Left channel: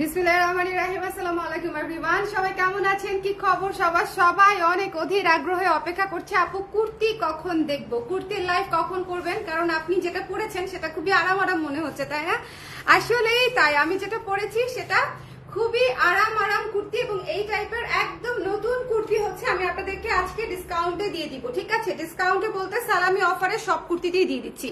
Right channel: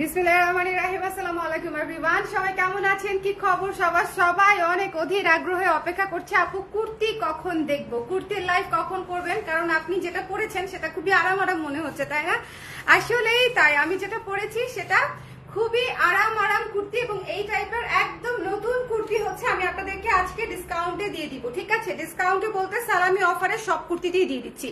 বিসমিল্লাহিররহমানিররহিম। আসসালামু আলাইকুম এভরিওয়ান, সবাই কেমন আছেন, কি খবর? সবাই অনেক অধীর আগ্রহে অপেক্ষা করছে আপু কুর্তি কখন দেখবো, কুর্তির লাইভ কখন করবেন, কারণ আপনি যেটা পরেছেন সেটা খুবই আরাম মনে হচ্ছে, তাই না? আসলেই তাই, আমি যেটা পরেছি সেটা খুবই আরাম কুর্তি এবং এই টাইপের একদম নতুন কুর্তি হচ্ছে আমি আপনাদেরকে আজকে ডিসকাউন্টে দিয়ে দিব। ঠিক আছে, ডিসকাউন্টে বলতে সালামি অফারে সব কুর্তিতেই দিয়ে দিচ্ছি,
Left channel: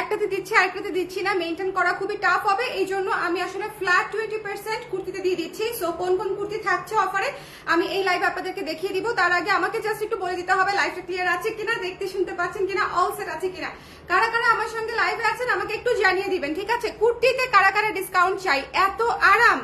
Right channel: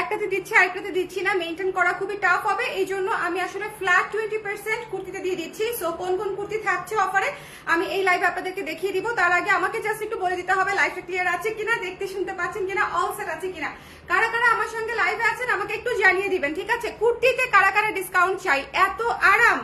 একটাতে দিচ্ছি আরেকটাতে দিচ্ছি না, মেনটেন করা খুবই টাফ হবে, এই জন্য আমি আসলে ফ্ল্যাট 20% কুর্তিতে দিয়ে দিচ্ছি। সো কোন কোন কুর্তি থাকছে অফারে আমি এই লাইভ আপনাদেরকে দেখিয়ে দিব। তার আগে আমাকে জাস্ট একটু বলে দিতে হবে লাইভটা ক্লিয়ার আছে কিনা, দেখতে শুনতে পাচ্ছেন কিনা, অল সেট আছে কিনা, কারা কারা আমার সঙ্গে লাইভে আছেন আমাকে একটু জানিয়ে দিবেন। ঠিক আছে, কুর্তিতে কারা কারা ডিসকাউন্ট চাই, এত আরাম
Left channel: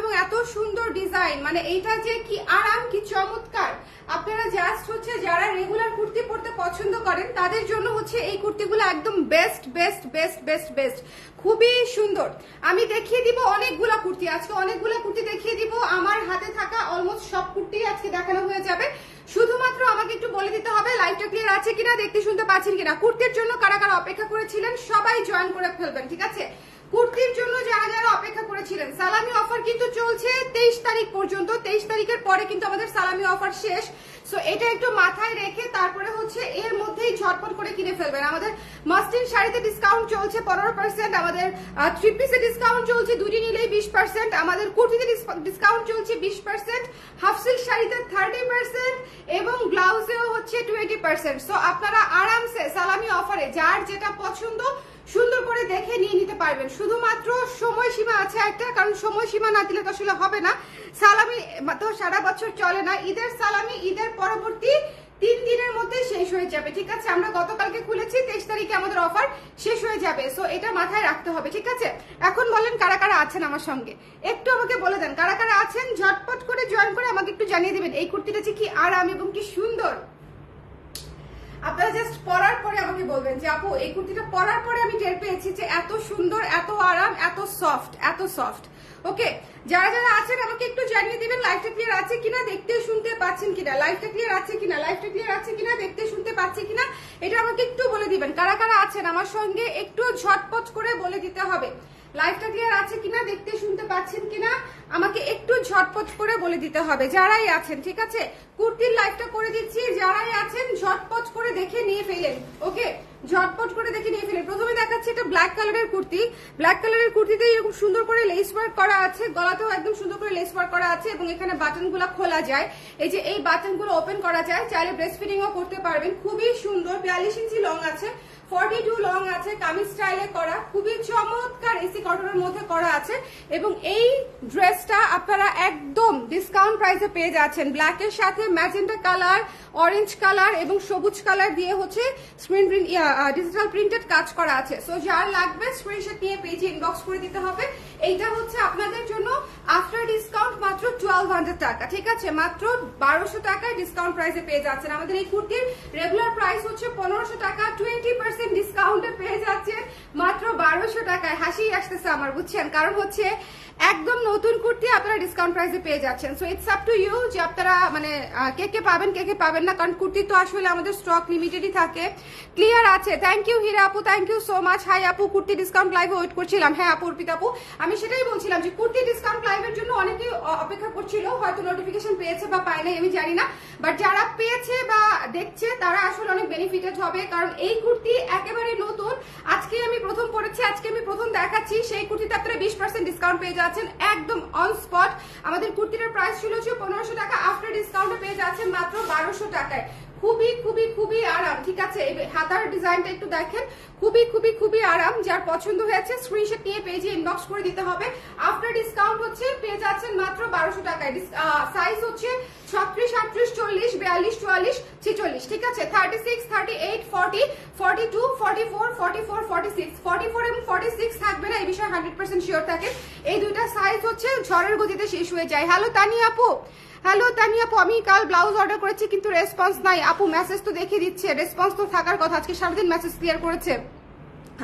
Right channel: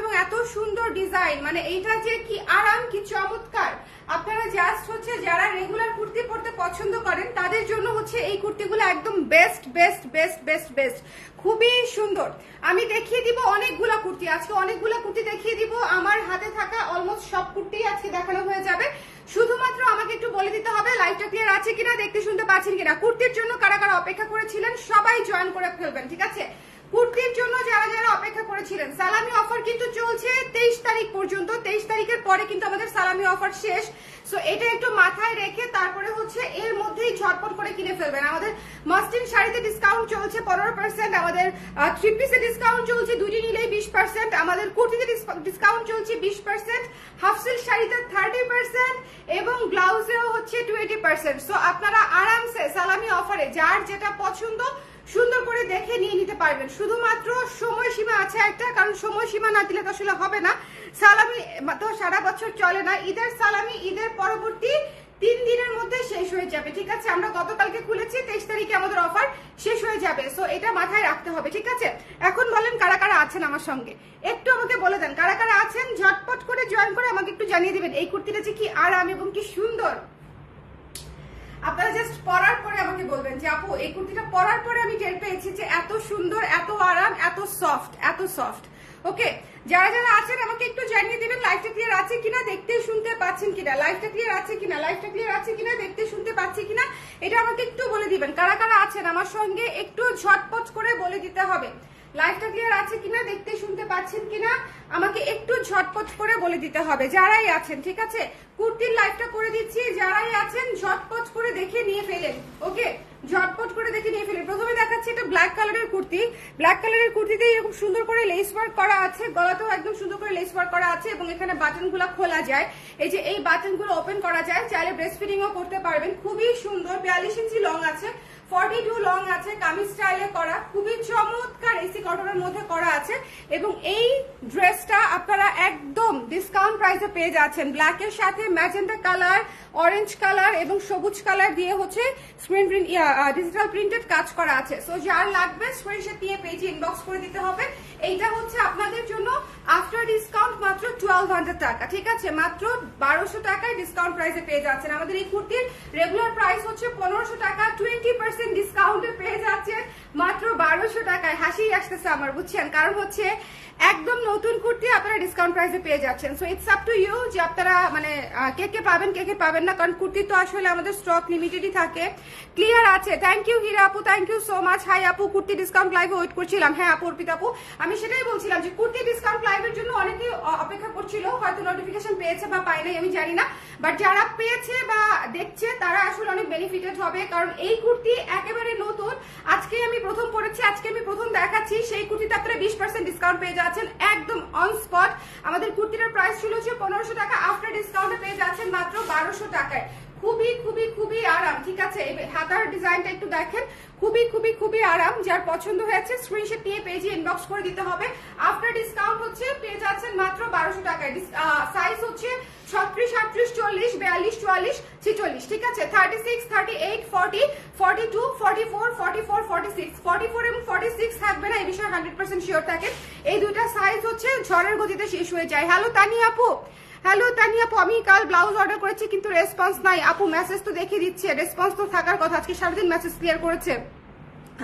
এবং এত সুন্দর ডিজাইন, মানে এইটা যে কি আরাম, কি চমৎকার। আপনারা জাস্ট হচ্ছে যারা রেগুলার কুর্তি পরতে পছন্দ করেন তাদের জন্য হচ্ছে এই কুর্তিগুলো একদম বেস্ট, খুবই সুন্দর। আমি দেখিয়ে দিব অনেকগুলা কুর্তি, আজকে অনেকগুলা কুর্তি দেখিয়ে দিব। আমার হাতে থাকা অলমোস্ট সব কুর্তি আজকে দেখানো হয়ে যাবে। শুধুমাত্র আমাকে একটু বলে দিতে হবে লাইভটা ক্লিয়ার আছে কিনা, দেখতে শুনতে পাচ্ছেন কিনা। কুর্তির জন্য কারা কারা অপেক্ষা করেছিলেন সবাই জয়েন করে ফেলবেন। ঠিক আছে, কুর্তির জন্য যারা যারা অপেক্ষা করেছিলেন, সালামি অফার কিন্তু চলছে 23 তারিখ পর্যন্ত। 23 তারিখের পরে কিন্তু আমাদের সালামি অফার শেষ। সো এটা একটু মাথায় রেখে তারপরে হচ্ছে এর মধ্যেই ঝটপট করে কিনে ফেলবেন। আমাদের মাস্টিন শাড়িতে ডিসকাউন্ট চলছে 15%, আমাদের থ্রি পিসে ডিসকাউন্ট চলছে, দুটি নিলেই 20%, আমাদের কুর্তিতে ডিসকাউন্ট চলছে 20%, হাফ সিল্ক শাড়িতে 30% এবং ব্লাউজেও হচ্ছে 20%। সো আপনারা আরামসে সালামি অফারে যার যেটা পছন্দ সুন্দর করে দেখে নিয়ে নিতে পারবেন। শুধুমাত্র সময়সীমা আছে একটা, কারণ সময়সীমা না দিলে তো আসলে হবে না। সালামি তো সারা বছর চলে না, ঈদের সালামি ঈদের পরবর্তী 3 দিনের মধ্যে শেষ হয়ে যাবে। ঠিক আছে, আমরা গতকালকে খুলেছি, 23 তারিখে আমাদের অফার শেষ হয়ে যাবে। সো এটা মাথায় রাখতে হবে। ঠিক আছে, এখন বলেন কারা কারা আছেন আমার সঙ্গে, একটু আমাকে বলে দেন কারা কারা আছেন, ঝটপট করে জয়েন করে আমাকে একটু জানিয়ে দিবেন এই কুর্তিটা যে কি আরাম এবং কি সুন্দর। আপনারা জাস্ট পরার পরে আমাকে বলবেন যে আপু এই কুর্তিটা পরার পরে আমি টের পেয়েছি যে এত সুন্দর, এত আরাম, এত সফট। ওকে, যারা যারা আছেন আমাকে একটু জানিয়ে দিবেন লাইভটা ক্লিয়ার আছে কিনা, দেখতে শুনতে পাচ্ছেন কিনা, লাইভটা ক্লিয়ার আছে কিনা, দেখতে শুনতে পাচ্ছি কিনা, এটা আমাকে একটু বলে দিবেন। কারা কারা আছেন আমার সঙ্গে একটু ঝটপট করে বলে দিতে হবে লাইভটা ক্লিয়ার আছে কিনা, দেখতে শুনতে পাচ্ছেন কিনা, আমাকে একটু ঝটপট করে বলে দিতে হবে যারাই আছেন। ঠিক আছে, কুর্তির লাইভটা করে দিচ্ছি, যারাই আছেন ঝটপট করে দেখে নিয়ে ফেলেন। ওকে, ঝটপট করে দেখে নিয়ে ফেলেন। প্রথমে দেখাচ্ছি এটা ব্ল্যাক কালারের কুর্তি। ব্ল্যাক কালারের কুর্তিতে এরকম সুন্দর করে লেস ওয়ার্ক করা আছে, গলাতেও একদম সুন্দর করে লেস ওয়ার্ক করা আছে এবং এখানে বাটনগুলো খোলা যায়, এই যে এই বাটনগুলো ওপেন করা যায়, চাইলে ব্রেস্ট ফিডিংও করতে পারবেন। খুবই সুন্দর, 42 ইঞ্চি লং আছে, 42 লং আছে, কামিজ স্টাইলে করা, খুবই চমৎকার এসি কটনের মধ্যে করা আছে এবং এই ড্রেসটা আপনারা একদম ডিসকাউন্ট প্রাইসে পেয়ে যাচ্ছেন। ব্ল্যাকের সাথে ম্যাজেন্টা কালার, অরেঞ্জ কালার এবং সবুজ কালার দিয়ে হচ্ছে স্ক্রিন প্রিন্ট ডিজিটাল প্রিন্টেড কাজ করা আছে। সো যার লাগবে স্ক্রিনশট নিয়ে পেজে ইনবক্স করে দিতে হবে। এইটা হচ্ছে আপনাদের জন্য আফটার ডিসকাউন্ট মাত্র 1200 টাকা। ঠিক আছে, মাত্র 1200 টাকায় ডিসকাউন্ট প্রাইসে পেয়ে যাচ্ছেন। আমাদের এই কুর্তির রেগুলার প্রাইস হচ্ছে 1500 টাকা, 20% ডিসকাউন্টে পেয়ে যাচ্ছেন মাত্র 1200 টাকায়। হাসি আসতেছে আমার, বুঝছেন, কারণ হচ্ছে একদম নতুন কুর্তি আপনারা ডিসকাউন্ট প্রাইসে পেয়ে যাচ্ছেন। So it's up to you যে আপনারা মানে কে কে পাবেন না, কারণ কুর্তি তো আসলে আমাদের স্টক লিমিটেডই থাকে। ক্লিয়ার আছে, থ্যাংক ইউ হীরা আপু, thank you so much. Hi আপু, কুর্তি ডিসকাউন্ট লাইভে ওয়েট করছিলাম। হ্যাঁ আপু, অর্পিতা আপু, আমি সেটাই বলছিলাম যে কুর্তি ডিসকাউন্ট লাইভের জন্য অনেকেই অপেক্ষা করছিল, হয়তো নোটিফিকেশন পেয়েছে বা পায় নাই আমি জানি না, বাট যারা পেয়েছে বা দেখছে তারা আসলে অনেক বেনিফিটেড হবে, কারণ এই কুর্তি একেবারে নতুন, আজকে আমি প্রথম পড়েছি, আজকে আমি প্রথম দেখাচ্ছি। সেই কুর্তিতে আপনারা 20% ডিসকাউন্ট পেয়ে যাচ্ছেন একদম অন স্পট। আমাদের কুর্তিটার প্রাইস ছিল 1500 টাকা, আফটার ডিসকাউন্টে পেয়ে যাচ্ছেন মাত্র 1200 টাকায়। খুবই আরাম। ঠিক আছে, হাতার ডিজাইনটা একটু দেখেন, খুবই আরাম। যার পছন্দ হয়েছে স্ক্রিনশট নিয়ে পেজে ইনবক্স করে দিতে হবে। আফটার ডিসকাউন্ট হচ্ছে পেয়ে যাচ্ছেন মাত্র 1200 টাকায়। সাইজ হচ্ছে 36, 38, 40, 42, 44, 46। ঠিক আছে, 36, 38, 40, 42, 44, 44, 46, 44 এবং 46 থাকবে না, এই বিষয়ে 100% শিওর থাকে। এই দুইটা সাইজ হচ্ছে ঝড়ের গতিতে শেষ হয়ে যায়। হ্যালো তানিয়া আপু, আমি কাল ব্লাউজ অর্ডার করেছি কিন্তু রেসপন্স নাই। আপু মেসেজ তো দেখে দিচ্ছে, রেসপন্স তো থাকার কথা, আজকে সারাদিন মেসেজ ক্লিয়ার করেছে,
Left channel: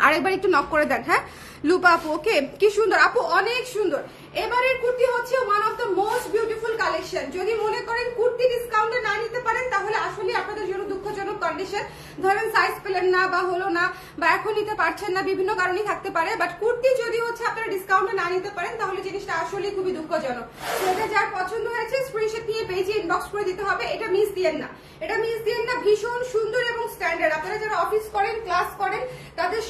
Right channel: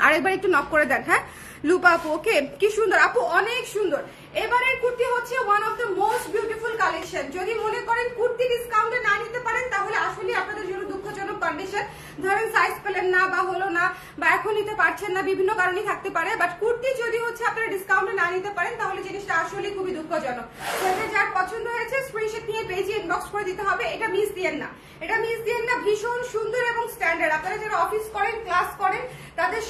আরেকবার একটু নক করে দেন। হ্যাঁ লুপা আপু, ওকে, কি সুন্দর আপু, অনেক সুন্দর। এবারের কুর্তি হচ্ছে one of the most beautiful collection. যদি মনে করেন কুর্তি ডিসকাউন্টে না নিতে পারেন তাহলে আসলে আপনাদের জন্য দুঃখজনক কন্ডিশন। ধরেন সাইজ পেলেন না বা হলো না বা এখন নিতে পারছেন না, বিভিন্ন কারণে থাকতে পারে, বাট কুর্তি যদি হচ্ছে আপনারা ডিসকাউন্টে না নিতে পারেন তাহলে জিনিসটা আসলে খুবই দুঃখজনক। এটা যার পছন্দ হয়েছে স্ক্রিনশট নিয়ে পেজে ইনবক্স করে দিতে হবে। এটা মিস দিয়েন না, এটা মিস দিয়েন না। ভীষণ সুন্দর এবং স্ট্যান্ডার্ড। আপনারা যারা অফিস করেন, ক্লাস করেন, তাদের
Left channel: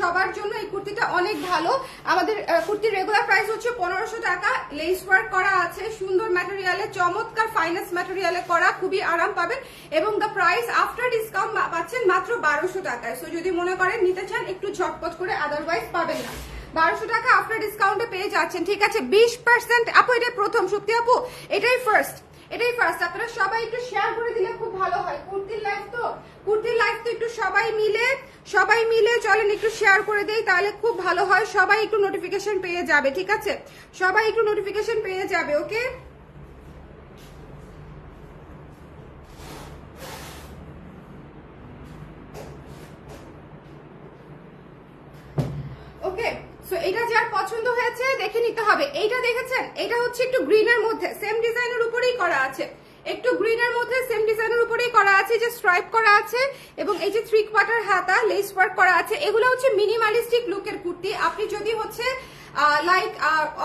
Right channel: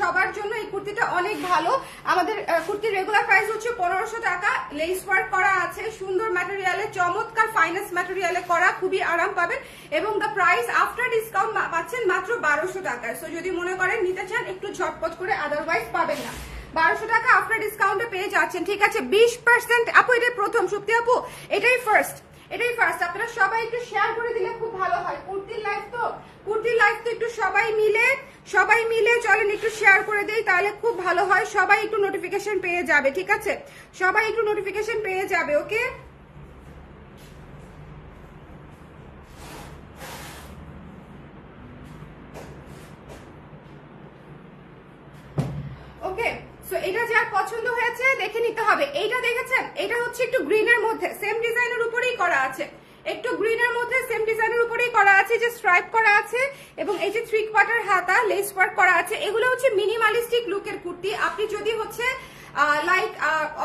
সবার জন্য এই কুর্তিটা অনেক ভালো। আমাদের কুর্তির রেগুলার প্রাইস হচ্ছে 1500 টাকা। লেস ওয়ার্ক করা আছে, সুন্দর ম্যাটেরিয়ালে, চমৎকার ফাইন্যান্স ম্যাটেরিয়ালে করা, খুবই আরাম পাবেন এবং দ্য প্রাইস আফটার ডিসকাউন্ট পাচ্ছেন মাত্র 1200 টাকায়। সো যদি মনে করেন নিতে চান একটু ঝটপট করে, আদারওয়াইজ পাবেন না। 1200 টাকা আফটার ডিসকাউন্টে পেয়ে যাচ্ছেন, ঠিক আছে। 20% আপু, এটাই প্রথম সত্যি আপু, এটাই ফার্স্ট। আপনারা সবাই একটু শেয়ার করে দিলে খুব ভালো হয়। কুর্তির লাইফ তো একটু সবাই মিলে চলেন একটু শেয়ার করে দেই, তাহলে খুব ভালো হয়। সবাই একটু নোটিফিকেশন পেয়ে যাবে, ঠিক আছে, সবাই একটু নোটিফিকেশন পেয়ে যাবে। ওকে, ওকে। সো এটা যার পছন্দ হয়েছে দেখে নিতে হবে। এইটা দেখেছেন, এটা হচ্ছে একটু গ্রিনের মধ্যে, সেম ডিজাইনের উপরেই করা আছে, একটু গ্রিনের মধ্যে সেম ডিজাইনের উপরেই করা আছে, যে স্ট্রাইপ করা আছে এবং এই যে 3 কোয়ার্টার হাতা লেস ওয়ার্ক করা আছে। এগুলো হচ্ছে মিনিমালিস্টিক লুকের কুর্তি। আপনি যদি হচ্ছে লাইক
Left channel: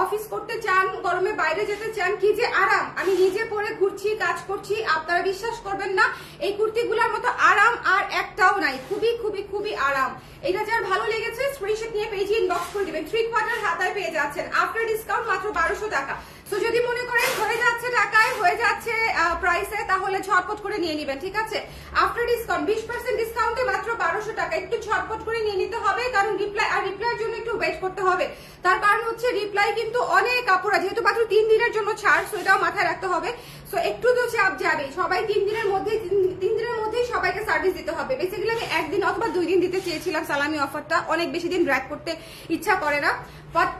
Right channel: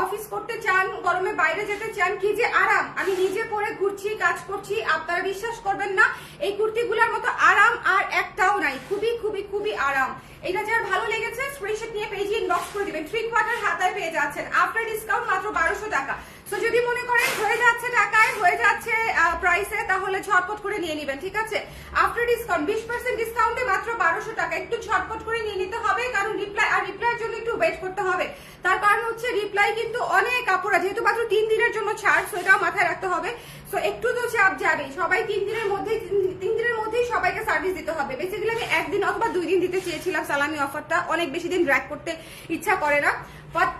অফিস করতে চান, গরমে বাইরে যেতে চান, কি যে আরাম। আমি নিজে পরে ঘুরছি, কাজ করছি, আপনারা বিশ্বাস করবেন না এই কুর্তিগুলোর মতো আরাম আর একটাও নাই। খুবই খুবই খুবই আরাম। এটা যার ভালো লেগেছে স্ক্রিনশট নিয়ে পেজে ইনবক্স করে দিবেন। 3 কোয়ার্টার হাতায় পেয়ে যাচ্ছেন আফটার ডিসকাউন্ট মাত্র 1200 টাকা। সো যদি মনে করেন হয়ে যাচ্ছে টাকায়, হয়ে যাচ্ছে প্রাইসে, তাহলে ঝটপট করে নিয়ে নেবেন, ঠিক আছে। আফটার ডিসকাউন্ট 20% ডিসকাউন্টে মাত্র 1200 টাকা। একটু ঝটপট করে নিয়ে নিতে হবে, কারণ রিপ্লাইয়ের জন্য একটু ওয়েট করতে হবে। তার কারণ হচ্ছে রিপ্লাই কিন্তু অনেক কাপড়, যেহেতু মাত্র 3 দিনের জন্য ছাড়, সেটাও মাথায় রাখতে হবে। সো একটু তো চাপ যাবে, সবাই 3 দিনের মধ্যেই সবাইকে সার্ভিস দিতে হবে। বেসিক্যালি আমি 1 দিন অথবা 2 দিন দিতে চেয়েছিলাম সালামি অফারটা, অনেক বেশি দিন ড্র্যাগ করতে ইচ্ছা করে না।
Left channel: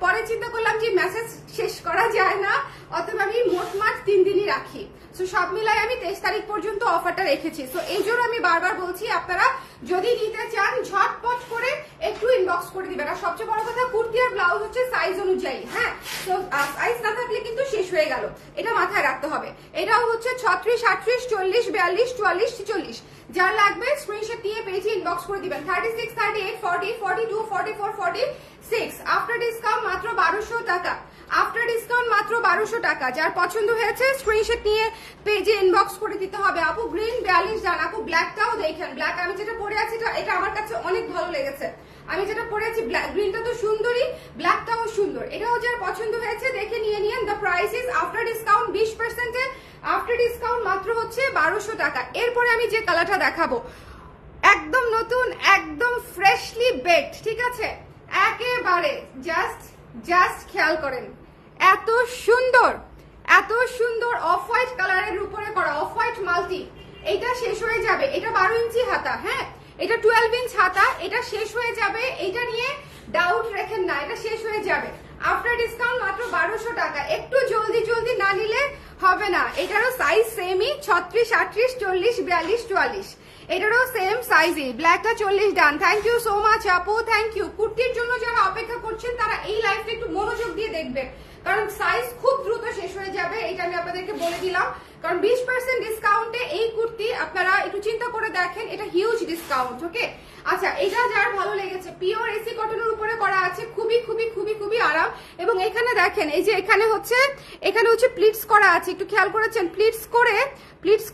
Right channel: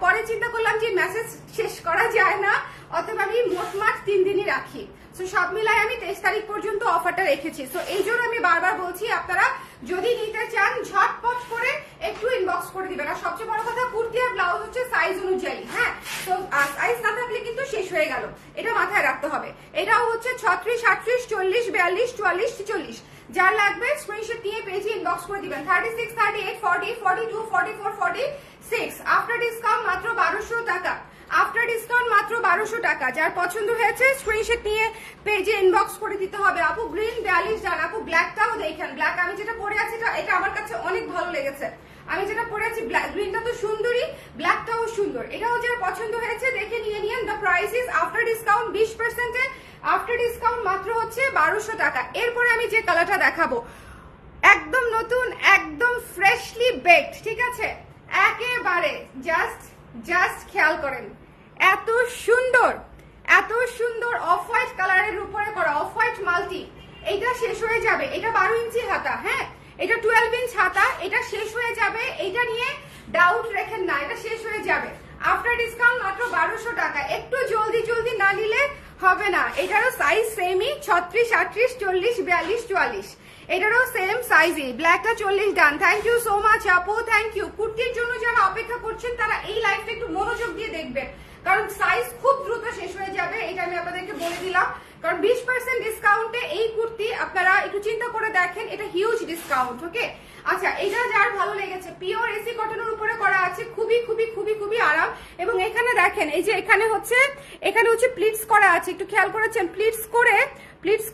পরে চিন্তা করলাম যে মেসেজ শেষ করা যায় না, অথবা আমি মোটমাট 3 দিনই রাখি। সো সব মিলাই আমি 23 তারিখ পর্যন্ত অফারটা রেখেছি। সো এই জন্য আমি বারবার বলছি, আপনারা যদি নিতে চান ঝটপট করে একটু ইনবক্স করে দিবেন। আর সবচেয়ে বড় কথা, কুর্তি আর ব্লাউজ হচ্ছে সাইজ অনুযায়ী, হ্যাঁ। তো সাইজ না থাকলে কিন্তু শেষ হয়ে গেল, এটা মাথায় রাখতে হবে। এটাও হচ্ছে 36, 38, 40, 42, 44, 46। যার লাগবে স্ক্রিনশট নিয়ে পেজে ইনবক্স করে দিবেন। 36, 38, 40, 42, 44, 46 আফটার ডিসকাউন্ট মাত্র 1200 টাকা। আফটার ডিসকাউন্ট মাত্র 1200 টাকা। যার পছন্দ হয়েছে স্ক্রিনশট নিয়ে পেজে ইনবক্স করে দিতে হবে। আপু গ্রিন 42 জান, আপু ব্ল্যাকটাও দেখেন। ব্ল্যাক আমি যেটা পরে আছি এটা আমার কাছে অনেক ভালো লেগেছে। আমি যেটা পরেছি গ্রিনটা তো সুন্দরই, ব্ল্যাকটাও সুন্দর। এটাও যার পছন্দ হয়েছে দেখে নিয়ে নিন। The price is after discount 20% after discount মাত্র হচ্ছে 1200 টাকা। এরপরে আমি যে কালারটা দেখাবো একদম নতুন, একদম ফ্রেশলি বেকড, ঠিক আছে। একেবারে জাস্ট খেয়াল করেন, এত সুন্দর অফ হোয়াইট কালারের উপরে করা, অফ হোয়াইট মাল্টি। এটা শেষ হয়ে যাবে, এটা 12 ইঞ্চি হাতা, হ্যাঁ, এটা 12 ইঞ্চ হাতা, এটা শেষ হয়ে যাবে। এটা নিয়ে ডাউট রেখেন না, এটা শেষ হয়ে যাবে। আফটার ডিসকাউন্ট মাত্র 1200 টাকা। একটু জলদি না নিলে হবে না। এটারও সাইজ সেমই, 36, 38, 40, 42, 44। এটারও সেম সাইজই। ব্ল্যাকটা 40 ডান। থ্যাংক ইউ সো মাচ আপু, থ্যাংক ইউ। কুর্তির জন্য যারা অপেক্ষা করছেন তারা এই লাইভটা একটু মনোযোগ দিয়ে দেখবেন, কারণ সাইজ খুব দ্রুত শেষ হয়ে যাবে। এটা আমি আপনাদেরকে বলে দিলাম, কারণ 20% ডিসকাউন্টে এই কুর্তি আপনারা একটু চিন্তা করে দেখেন, এটা হিউজ ডিসকাউন্ট। ওকে, আচ্ছা, এটা যার ভালো লেগেছে, পিওর এসি কটনের উপরে করা আছে, খুবই খুবই খুবই খুবই আরাম। এবং এখানে দেখেন, এই যে এখানে হচ্ছে প্লিটস করা আছে, একটু খেয়াল করেছেন, প্লিটস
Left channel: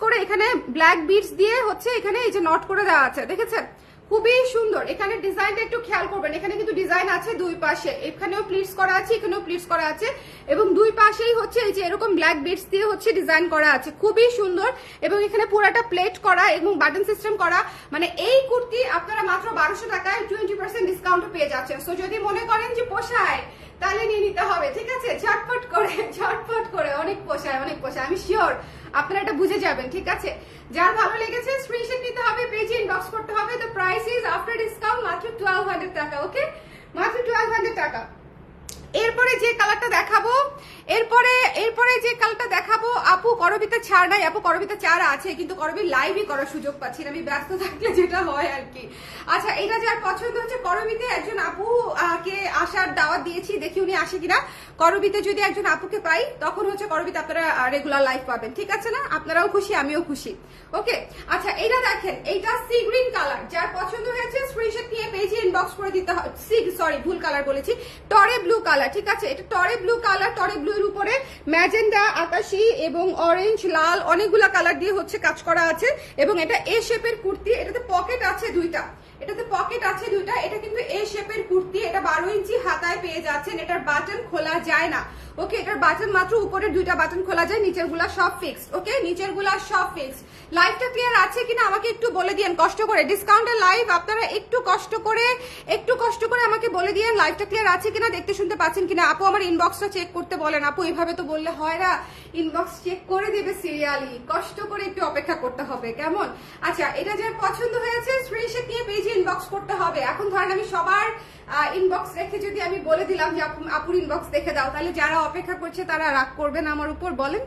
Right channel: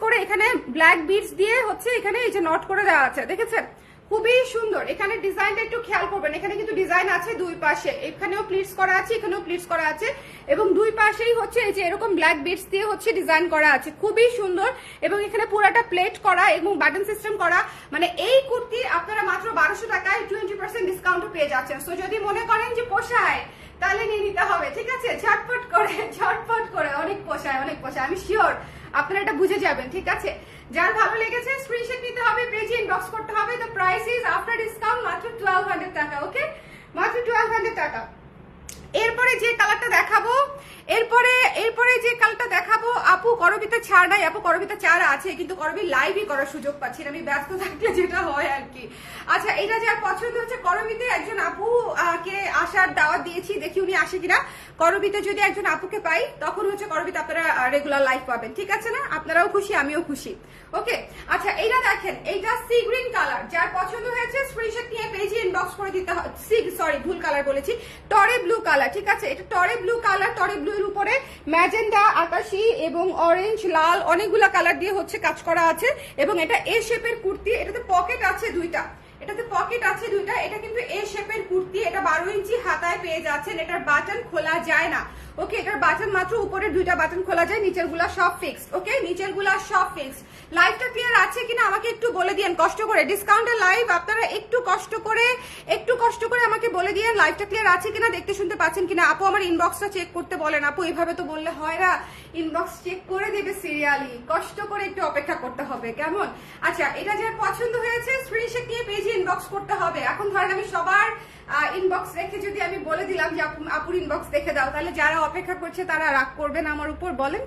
করে এখানে ব্ল্যাক বিডস দিয়ে হচ্ছে এখানে এই যে নট করে দেওয়া আছে, দেখেছেন, খুবই সুন্দর। এখানে ডিজাইনটা একটু খেয়াল করবেন, এখানে কিন্তু ডিজাইন আছে দুই পাশে, এখানেও প্লিটস করা আছে, এখানেও প্লিটস করা আছে, এবং দুই পাশেই হচ্ছে এই যে এরকম ব্ল্যাক বিডস দিয়ে হচ্ছে ডিজাইন করা আছে, খুবই সুন্দর। এবং এখানে পুরাটা প্লেট করা এবং বাটন সিস্টেম করা। মানে এই কুর্তি আপনারা মাত্র 1200 টাকায় 20% ডিসকাউন্ট পেয়ে যাচ্ছেন। সো যদি মনে করেন যে পোষায় তাহলে নিয়ে নিতে হবে, ঠিক আছে। ঝটপট করে অনেক পোষায়, আমি শিওর আপনারা এটা বুঝে যাবেন, ঠিক আছে। যার ভালো লেগেছে স্ক্রিনশট নিতে হবে, পেজে ইনবক্স করতে হবে। The price is after discount মাত্র 1200 টাকা। ওকে, মাত্র 1200 টাকা। এরপরে যে কালারটা দেখাবো এরপরে এরপরে যে কালটা দেখাবো আপু করবিতে ছাড় নাই, আপু করবিতে ছাড় আছে কিন্তু করবি লাইভই করার সুযোগ পাচ্ছি না, আমি ব্যস্ত থাকলে যেটা হয় আর কি। আচ্ছা, এটা যার পছন্দ হচ্ছে করবিতে একজন আপু কে আসার দাওয়াত দিয়েছি, দেখি উনি আসে কিনা। করবিতে যদি একজন আপুকে পাই তখন হচ্ছে করবিতে আপনারা রেগুলার লাইভ পাবেন, ঠিক আছে না? আপনারাও খুশি আমিও খুশি। ওকে, আচ্ছা এটা দেখেন, এইটা সি গ্রিন কালার, যার পছন্দ হয়েছে স্ক্রিনশট নিয়ে পেজে ইনবক্স করে দিতে হবে। সরি ভুল কালার বলেছি, টরে ব্লু কালার, ঠিক আছে? এটা টরে ব্লু কালার, টরে ব্লু এর উপরে ম্যাজেন্ডা, আকাশি এবং অরেঞ্জ, লাল অনেকগুলা কালার দিয়ে হচ্ছে কাজ করা আছে। এবং এটা এ শেপের কুর্তি, এটাতে পকেট আছে দুইটা, এটাতে পকেট আছে দুইটা। এটা কিন্তু এ শেপের কুর্তি, এটা 12 ইঞ্চি হাতায় পেয়ে যাচ্ছেন। এটার বাটন খোলা যায় না, ওকে? এটার বাটন মাত্র উপরের দুইটা বাটন খোলা যায়, নিচের গুলা সব ফিক্সড, ওকে? নিচের গুলা সব ফিক্সড। লাইভটা ক্লিয়ার আছে কিনা আমাকে একটু বলে দিয়েন কষ্ট করে, ডিসকাউন্টের লাইভ আপনারা একটু কষ্ট করে আমাকে বলে দিয়েন লাইভটা ক্লিয়ার আছে কিনা, দেখতে শুনতে পাচ্ছেন কিনা। আপু আমার ইনবক্সটা চেক করতে বলেন, আপু এইভাবে তো বললে হয় না, ইনবক্স চেক করে দিবে সিরিয়ালি, কষ্ট করে একটু অপেক্ষা করতে হবে, কেমন? আচ্ছা, এটা যার পছন্দ হয়েছে স্ক্রিনশট নিয়ে পেজে ইনবক্স করতে হবে। এখন ধরেন আমি সবার ইনবক্স রেখে যদি আমি বলে দিলাম যে আপুর ইনবক্স দেখে দাও, তাহলে যারা অপেক্ষা করছে তারা রাগ করবেন আমার উপর, বলেন?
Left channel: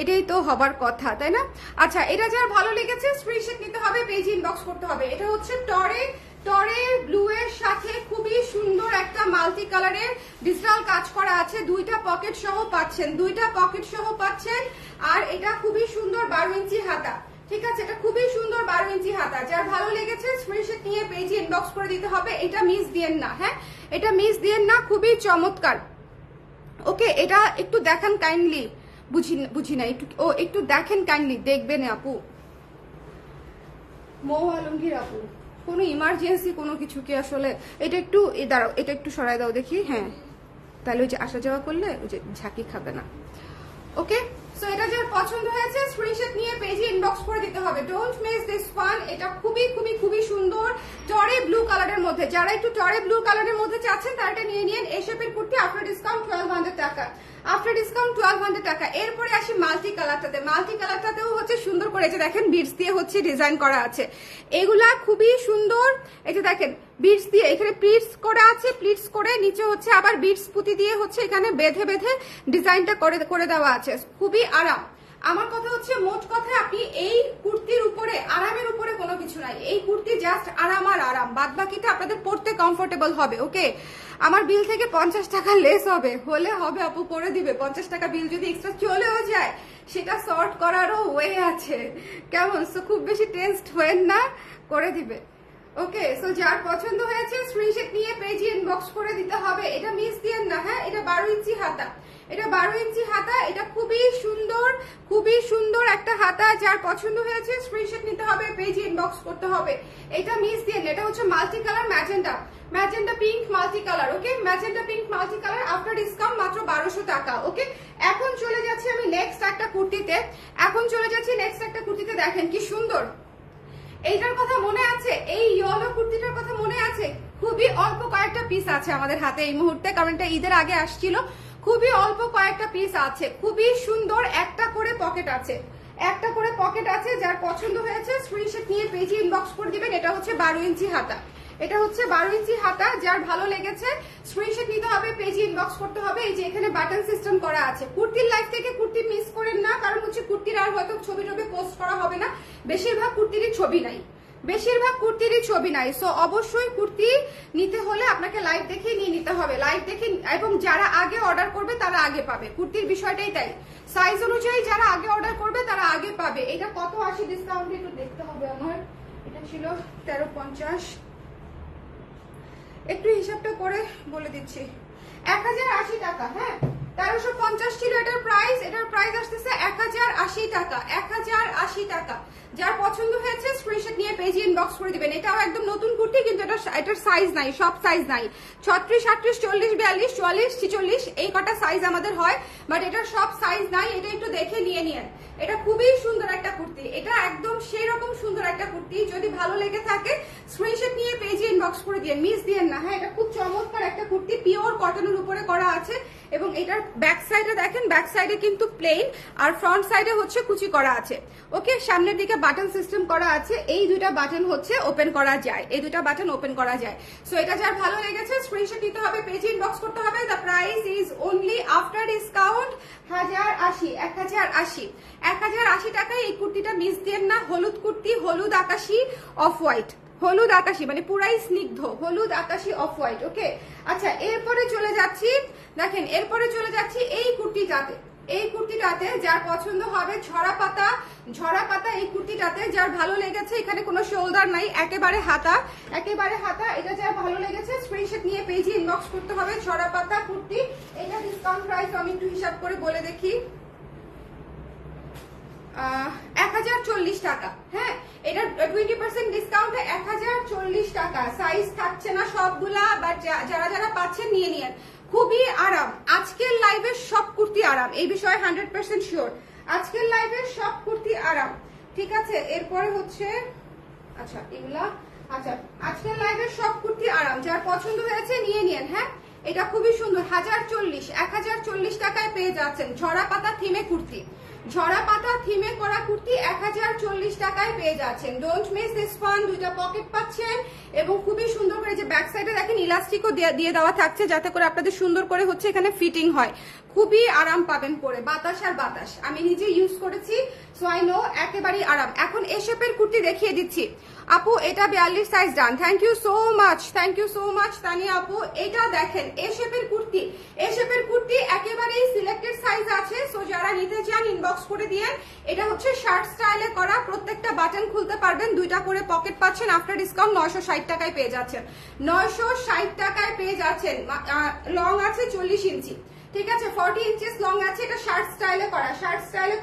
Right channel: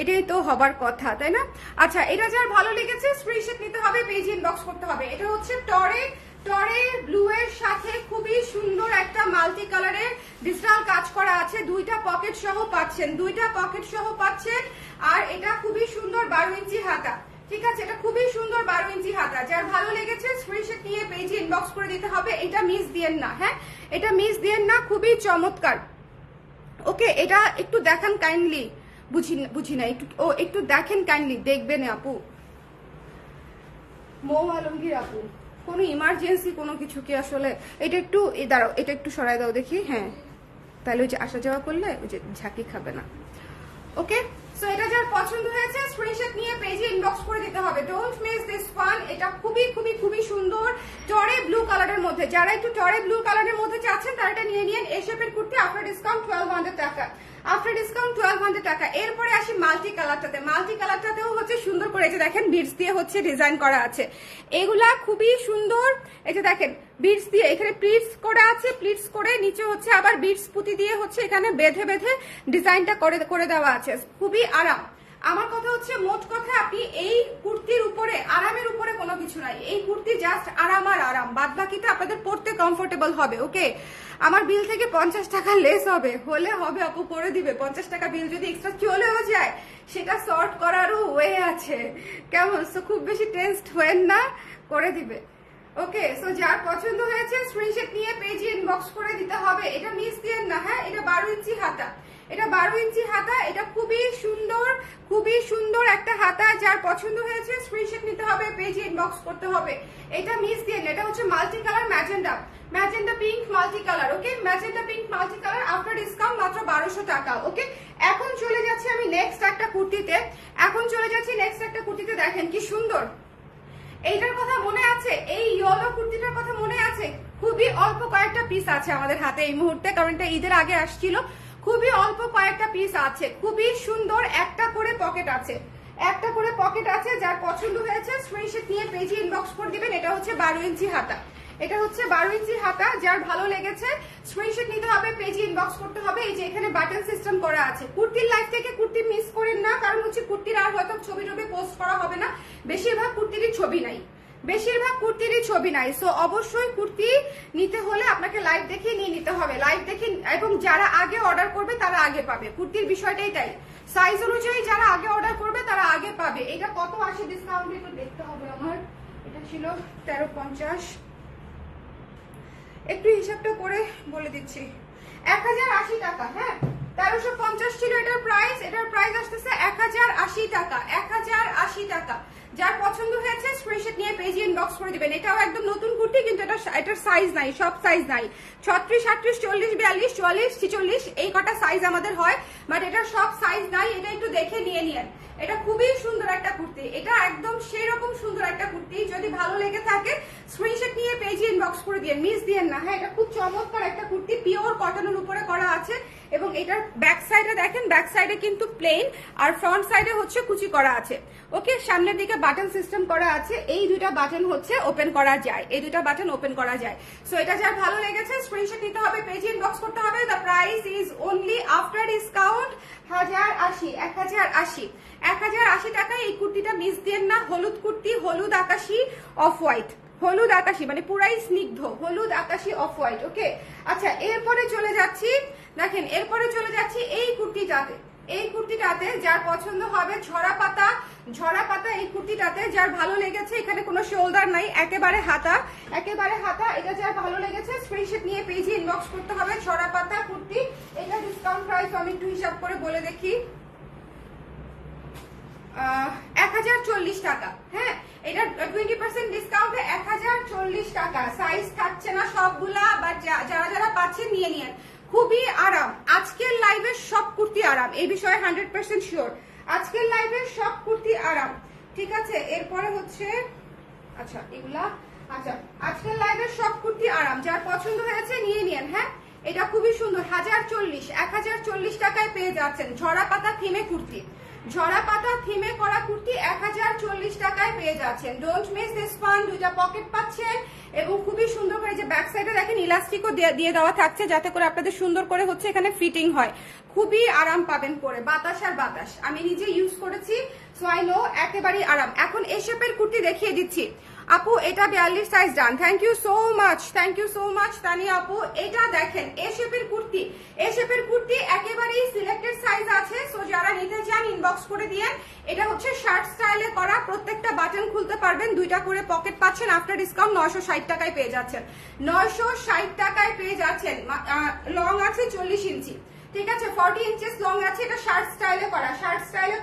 এটাই তো হবার কথা, তাই না? আচ্ছা, এটা যার ভালো লেগেছে স্ক্রিনশট নিতে হবে, পেজে ইনবক্স করতে হবে। এটা হচ্ছে টরে ব্লু এর সাথে খুবই সুন্দর একটা মাল্টি কালারের ডিজিটাল কাজ করা আছে, দুইটা পকেট সহ পাচ্ছেন। আর এটা খুবই সুন্দর 12 ইঞ্চি হাতা, ঠিক আছে? এটা খুবই সুন্দর 12 ইঞ্চি হাতা, যার ভালো লেগেছে স্ক্রিনশট নিয়ে পেজে ইনবক্স করে দিতে হবে। এটা মিস দিয়েন না, হ্যাঁ, এটা মিস দিয়েন না, খুবই চমৎকার। ওকে, এটা একটু দেখান কাইন্ডলি, বুঝি না একটু দেখেন কাইন্ডলি, দেখবেন আপু মৌ আলমগীর আপু। কোনো ইমার্জেন্সি কোনো কিছু কি আসলে? এটা একটু দাঁড়াও, এটা একটু সরাই দাও দেখি, হ্যাঁ, তাহলে ওই যে আসা যাওয়া করলে ওই যে ঝাঁকি খাবে না। ওকে, সো এটা যার পছন্দ হয়েছে স্ক্রিনশট নিয়ে পেজে ইনবক্স করে দিতে হবে। Don't miss this one. এটা খুবই সুন্দর টরে ব্লু কালারের মধ্যে, যারা একটু টরে ব্লু কালারের মধ্যে চাচ্ছেন তারা এটা নিয়ে নিন। এই শেপের কুর্তি আফটার ডিসকাউন্ট 1200 টাকা, আফটার ডিসকাউন্ট 1200 টাকা। এরপরে আসি মাল্টি কালারটাতেও হচ্ছে সুন্দর করে, যে দেখেন বিডস দিয়ে হচ্ছে ডিজাইন করা আছে, এগুলা খুবই সুন্দর। এই যে দেখেন বিডস দিয়ে এখানে প্লিটস করা আছে, প্লিটস করে নিচে হচ্ছে আবার বিডস পুঁতি দিয়ে হচ্ছে এখানে বেঁধে ডিজাইনটা করে দেওয়া আছে, খুবই আরাম। আমার কথা হচ্ছে, মোট কথা আপনি এই কুর্তির উপরে আরামের উপরে কোনো কিছু নাই, এই কুর্তি জাস্ট আরাম আর আরাম, বাদ বাকিটা আপনাদের পড়তে কমফোর্টেবল হবে। ওকে, আমার বিল থেকে 50 টাকা লেস হবে, আপু করে দিবে। 50 টাকা বিল যদি এক্সট্রা চলেও যায় সেটা সর্ট করারও ওয়ে আছে, কেমন? সো খুব বেশি টেনসড হয়েন না, করে দিবে। ওকে, সো যার পছন্দ হয়েছে স্ক্রিনশট নিয়ে পেজে ইনবক্স করে দিতে হবে। এটা মিস দিয়েন না, হ্যাঁ? এটা 12 ইঞ্চি হাতা, এটা খুবই সুন্দর একটা হাতা। যার পছন্দ হয়েছে স্ক্রিনশট নিতে হবে, পেজে ইনবক্স করতে হবে। এটা মিস দিয়েন, এটা হচ্ছে multi colour magenta pink multi colour. Okay, magenta pink multi colour after discount মাত্র 1200 টাকা। ওকে, এখন চলে যাচ্ছি আমি নেক্সট একটা কুর্তিতে, দেখেন কি সুন্দর। এইটার কথা মনে আছে, এই ইয়েলো কুর্তিটার কথা মনে আছে? খুবই অল্প কয়েকটা পিস আছে আমাদের হাতে এই মুহূর্তে, কারণ এটা ঈদের আগে আসছিল। খুবই অল্প কয়েকটা পিস আছে, খুবই সুন্দর। একটা করে পকেট আছে, যার পছন্দ হয়েছে স্ক্রিনশট নিয়ে পেজে ইনবক্স করে দিবেন। এটা হচ্ছে 12 ইঞ্চি হাতা, যার ভালো লেগেছে স্ক্রিনশট নিতে হবে, পেজে ইনবক্স করতে হবে। এই যে এখানে বাটন সিস্টেম করা আছে। কুর্তির লাইভ থেকে কুর্তি মিস করেন না, কারণ হচ্ছে কুর্তির আর হয়তো ছবি পোস্ট করা হবে না, বেশিরভাগ কুর্তিরই ছবি নাই। সো অবশ্যই কুর্তি নিতে হলে আপনাকে লাইভ দেখে নিয়ে নিতে হবে, এবং যারা আগে অর্ডার করবে তারা আগে পাবে। কুর্তির বিষয়টাই তাই, সাইজ অনুযায়ী যারা আগে অর্ডার করবে তারা আগে পাবে। এটা কত আসে ডিসকাউন্ট একটু দেখতে হবে আমার। এটা ছিল 1350, একটু হিসাবটা করে বলে দিচ্ছি। 1080 টাকা, হ্যাঁ, 1350 ছিল এটার প্রাইস আসতেছে 1080 টাকা। যার পছন্দ হয়েছে স্ক্রিনশট নিয়ে পেজে ইনবক্স করে দিবেন। এটাও একদম নতুন কুর্তি, কিন্তু এটার সাইজ নাই, সব সাইজ নাই। 36, 38, 40, 42, 44, 46 এই কটা সাইজ আমাদের হয়, বাট এটার সব সাইজ নাই। এটা একটু দেখে নিয়ে নিন। এটা খুবই সুন্দর একটা কুর্তি, এটা একদম সেই রকম সুন্দর একটা কুর্তি। যদি ভালো লেগে থাকে স্ক্রিনশট নিয়ে পেজে ইনবক্স করে দিন, মিস দিয়েন না, হ্যাঁ? এটা খুব চমৎকার একটা কুর্তি, পিওর কটনের উপরে করা আছে। এবং এটার ব্যাক সাইডে দেখেন, ব্যাক সাইডে কিন্তু প্লেন আর ফ্রন্ট সাইডে হচ্ছে কুচি করা আছে। ওকে, সামনের দিকে বাটন সিস্টেম করা আছে, এই দুটা বাটন হচ্ছে ওপেন করা যায়, এই দুটা বাটন ওপেন করা যায়। সো এটা যার ভালো লেগেছে স্ক্রিনশট নিতে হবে, পেজে ইনবক্স করতে হবে। The price is only after discount 1080 টাকায় এই কুর্তিটা মিস দেন না। হলুদ কুর্তি, হলুদ আকাশি অফ হোয়াইট, হলুদ আকাশি মানে পুরাই স্নিগ্ধ হলুদ আকাশি অফ হোয়াইট। ওকে, আচ্ছা এরপরে চলে যাচ্ছি, দেখেন এরপরে চলে যাচ্ছি এই কুর্তিটাতে। এই কুর্তিটাতে যার পছন্দ হবে ঝরা পাতা এই কুর্তিটাতে যার ভালো লেগেছে, এখানে কোনো শোল্ডার নাই, একেবারে হাতা, এটা যার ভালো লেগেছে স্ক্রিনশট নিয়ে পেজে ইনবক্স করতে হবে। ঝরা পাতা কুর্তি, এটা ডিসকাউন্ট প্রাইস আমি একটু হিসাব করে বলে দেখি, 1040 টাকা। হ্যাঁ, এটা 20% ডিসকাউন্টে 1040 টাকা। সাইজ থাকছে না সবগুলা, বাট যারা যারা পাচ্ছেন নিয়ে নিন। খুবই আরাম, আজকের লাইভের সব কুর্তি আরাম, এই বিষয়ে 100% শিওর। আজকের লাইভের সব কুর্তি আরাম, ঠিক আছে। এরপরে হচ্ছে আচ্ছা এগুলা, আচ্ছা আজকের লাইভের সব কুর্তি আরাম, যার পছন্দ হয়েছে নিয়ে নিন। হ্যাঁ, এটা খুবই সুন্দর, 1040 টাকায় পেয়ে যাচ্ছেন। ঝরা পাতা থিমে কুর্তি, ঝরা পাতা থিমে করা কুর্তি 1040 টাকায় পেয়ে যাচ্ছেন। Don't miss this one. দুইটা পকেট পাচ্ছেন এবং খুবই সুন্দর করে যে ব্যাক সাইডে দেখেন ইলাস্টিকও দিয়ে দেওয়া থাকছে, যাতে করে আপনাদের সুন্দর করে হচ্ছে এখানে ফিটিং হয়। খুবই আরাম পাবেন পরে, বাতাস আর বাতাস, আমি নিজে ইউজ করেছি, সো আই নো একেবারেই আরাম। এখন এই শেপের কুর্তি দেখিয়ে দিচ্ছি আপু, এটা 42 size done. Thank you so much Tania আপু। এটা দেখেন এই শেপের কুর্তি একেবারেই সিলেক্টেড সাইজ আছে, সো যারা নিতে চান ইনবক্স করে দিয়েন। এটা হচ্ছে শার্ট স্টাইলে করা, প্রত্যেকটা বাটন খুলতে পারবেন, দুইটা করে পকেট পাচ্ছেন। আফটার ডিসকাউন্ট 960 টাকায় পেয়ে যাচ্ছেন, 960 টাকায় পেয়ে যাচ্ছেন। লং আছে 40 ইঞ্চি, ঠিক আছে, 40 ইঞ্চেস লং আছে। এটা শার্ট স্টাইলে